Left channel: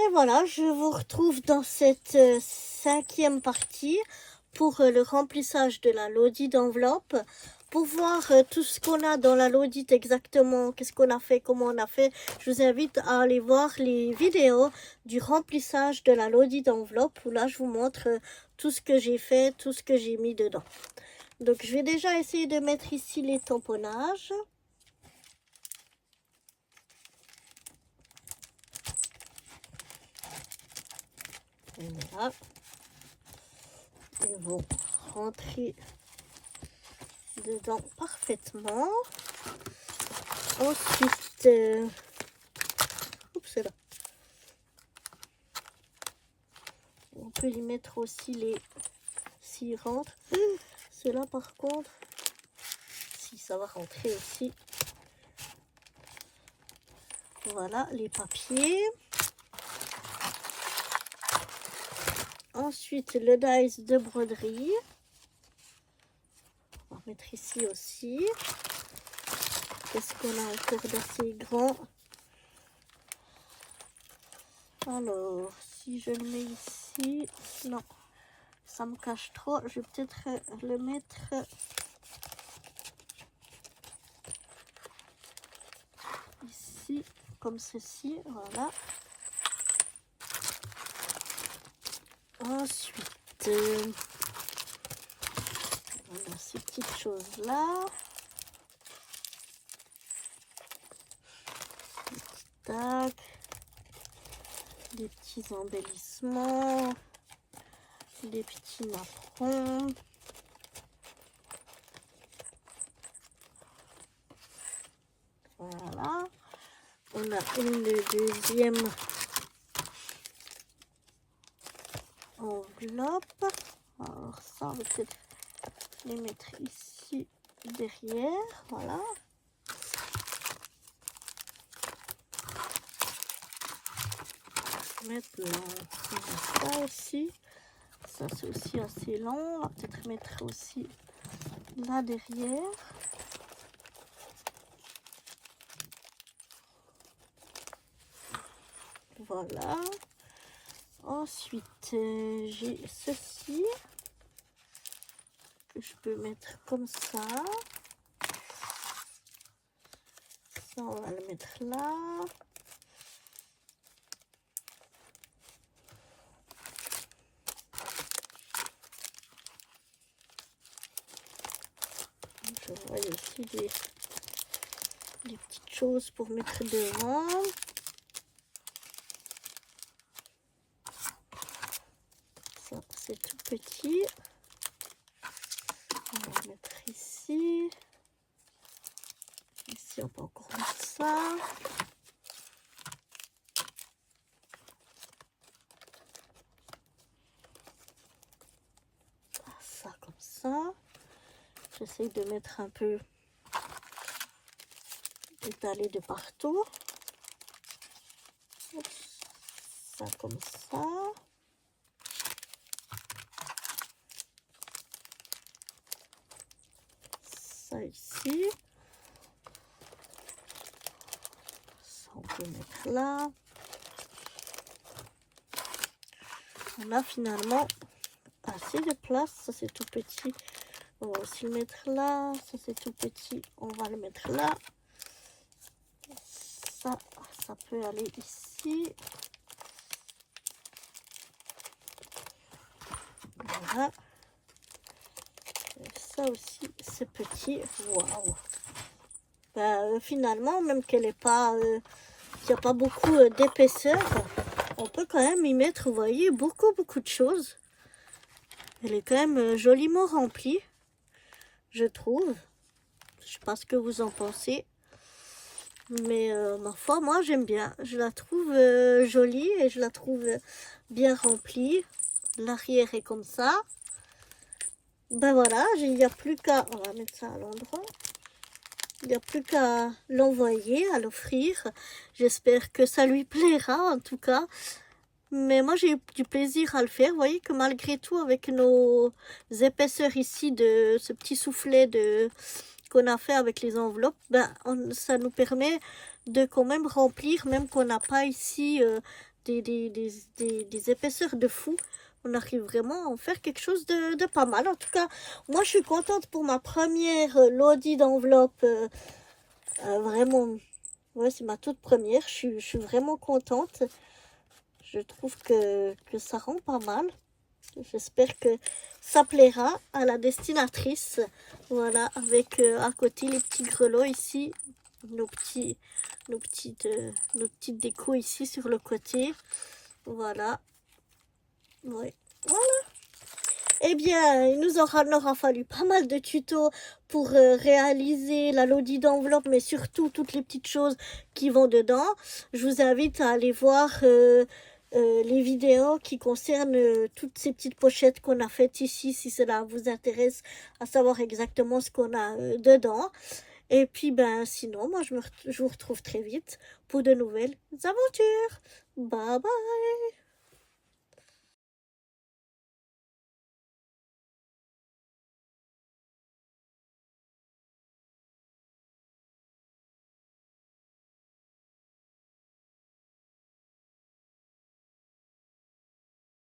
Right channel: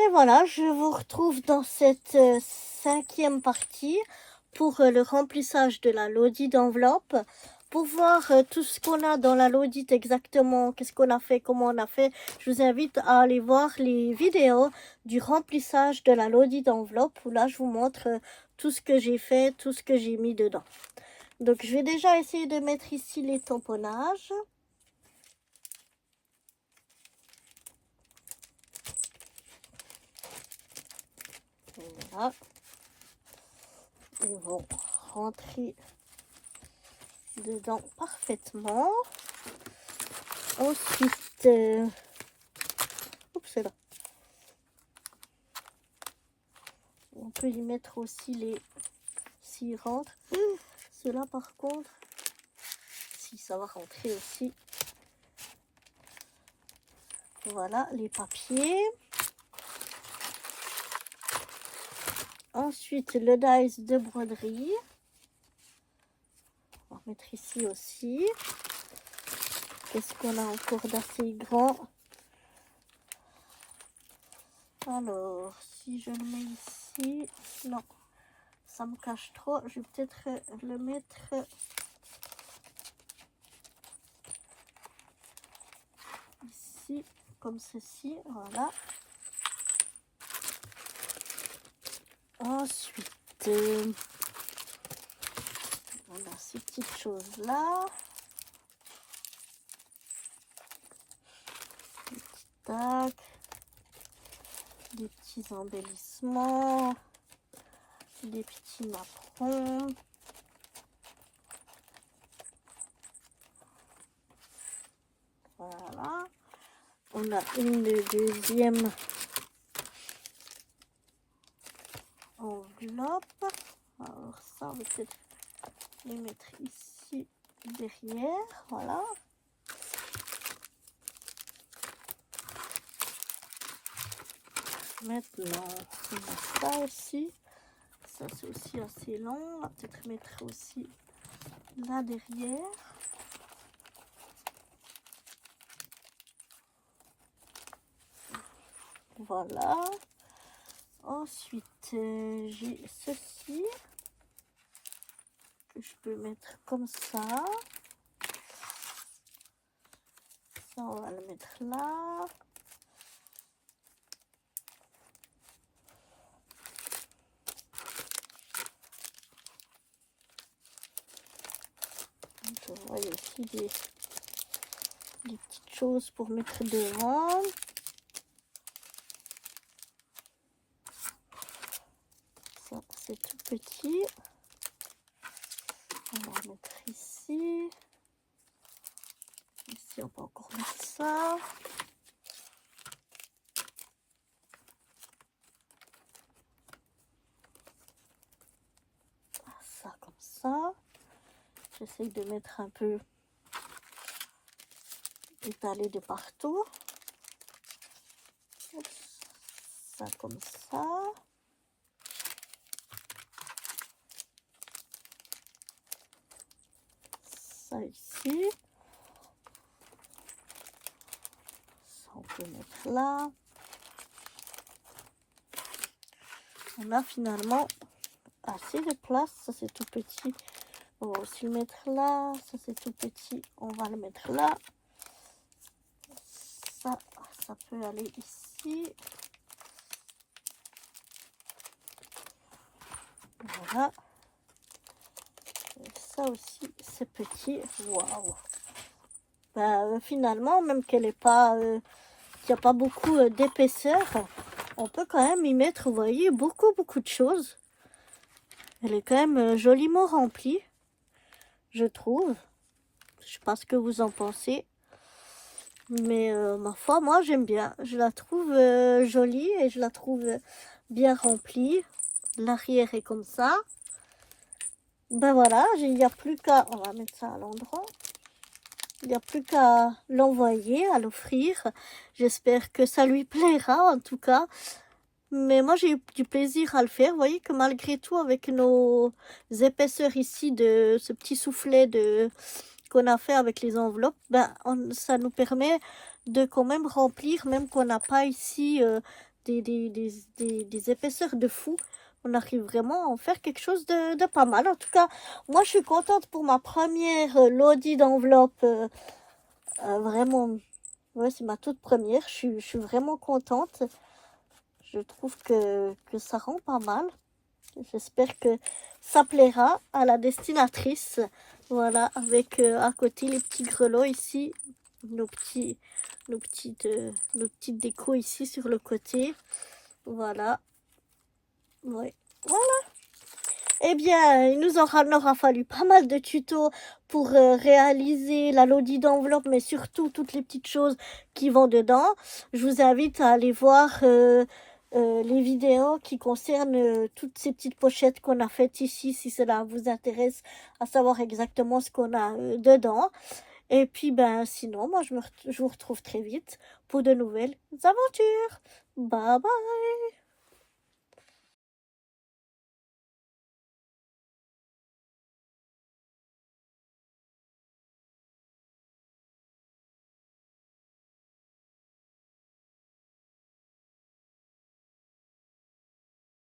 Et voilà, je vous retrouve dans cette cinquième partie pour le remplissage de la Lodi d'enveloppe. Pour voir tout ce qu'on a dans la Lodi exactement, qu'est-ce qu'on a fait, comment on a fait, je vous invite à aller voir les vidéos du remplissage de la Lodi d'enveloppe où là je vous montre tout ce que j'ai fait, tout ce que j'ai mis dedans. Donc je vais déjà essayer de mettre ici les tamponnages. Voilà. Ils vont rentrer dedans parfaitement. Ensuite, oups là. On peut y mettre aussi les s'ils rentrent. Ceux-là par contre, si ça va rentrer aussi. Voilà les papiers. Ensuite le dies de broderie. On va mettre ici aussi. Qu'est-ce qu'on a encore d'assez grand? Alors, si je le mets ici, non, ça me cache trop. Je vais peut-être le mettre ici, comme ceci, voilà. Ensuite, on a ces petites choses-là. Tac. Des petits embellissements. Des petits napperons. Voilà. On a une deuxième enveloppe. Alors ça, on va peut-être les mettre ici derrière. Voilà. Maintenant, on a ça aussi. Ça, c'est aussi assez long. On va peut-être mettre aussi là derrière. Voilà. Ensuite, j'ai ceci que je peux mettre comme ça. Ça, on va le mettre là. Je vois aussi des petites choses pour mettre devant. Ça, c'est tout petit. On va mettre ici. Ici, on peut encore mettre ça. Ça, comme ça. J'essaye de mettre un peu étalé de partout. Oups. Ça, comme ça. Ça ici. Ça, on peut mettre là. On a finalement assez de place. Ça, c'est tout petit. On va aussi le mettre là. Ça, c'est tout petit. On va le mettre là. Ça peut aller ici. Voilà. Et ça aussi, c'est petit. Waouh. Ben, finalement, même qu'elle n'est pas, qu'il n'y a pas beaucoup d'épaisseur, on peut quand même y mettre, vous voyez, beaucoup de choses. Elle est quand même joliment remplie, je trouve. Je sais pas ce que vous en pensez. Mais ma foi, moi j'aime bien. Je la trouve jolie et je la trouve bien remplie. L'arrière est comme ça. Ben voilà, il n'y a plus qu'à... On va mettre ça à l'endroit. Il n'y a plus qu'à l'envoyer, à l'offrir. J'espère que ça lui plaira en tout cas. Mais moi, j'ai eu du plaisir à le faire. Vous voyez que malgré tout, avec nos épaisseurs ici, de ce petit soufflet qu'on a fait avec les enveloppes, ben, ça nous permet de quand même remplir, même qu'on n'a pas ici des épaisseurs de fou. On arrive vraiment à en faire quelque chose de pas mal. En tout cas, moi, je suis contente pour ma première Lodi d'enveloppe. Vraiment, ouais, c'est ma toute première. Je suis vraiment contente. Je trouve que ça rend pas mal. J'espère que ça plaira à la destinatrice. Voilà, avec à côté les petits grelots ici, nos petites décos ici sur le côté. Voilà. Ouais. Voilà. Eh bien, il nous en aura fallu pas mal de tutos pour réaliser la lodi d'enveloppe, mais surtout toutes les petites choses qui vont dedans. Je vous invite à aller voir les vidéos qui concernent toutes ces petites pochettes qu'on a faites ici, si cela vous intéresse à savoir exactement ce qu'on a dedans. Et puis, ben, sinon, moi, je vous retrouve très vite pour de nouvelles aventures. Bye bye!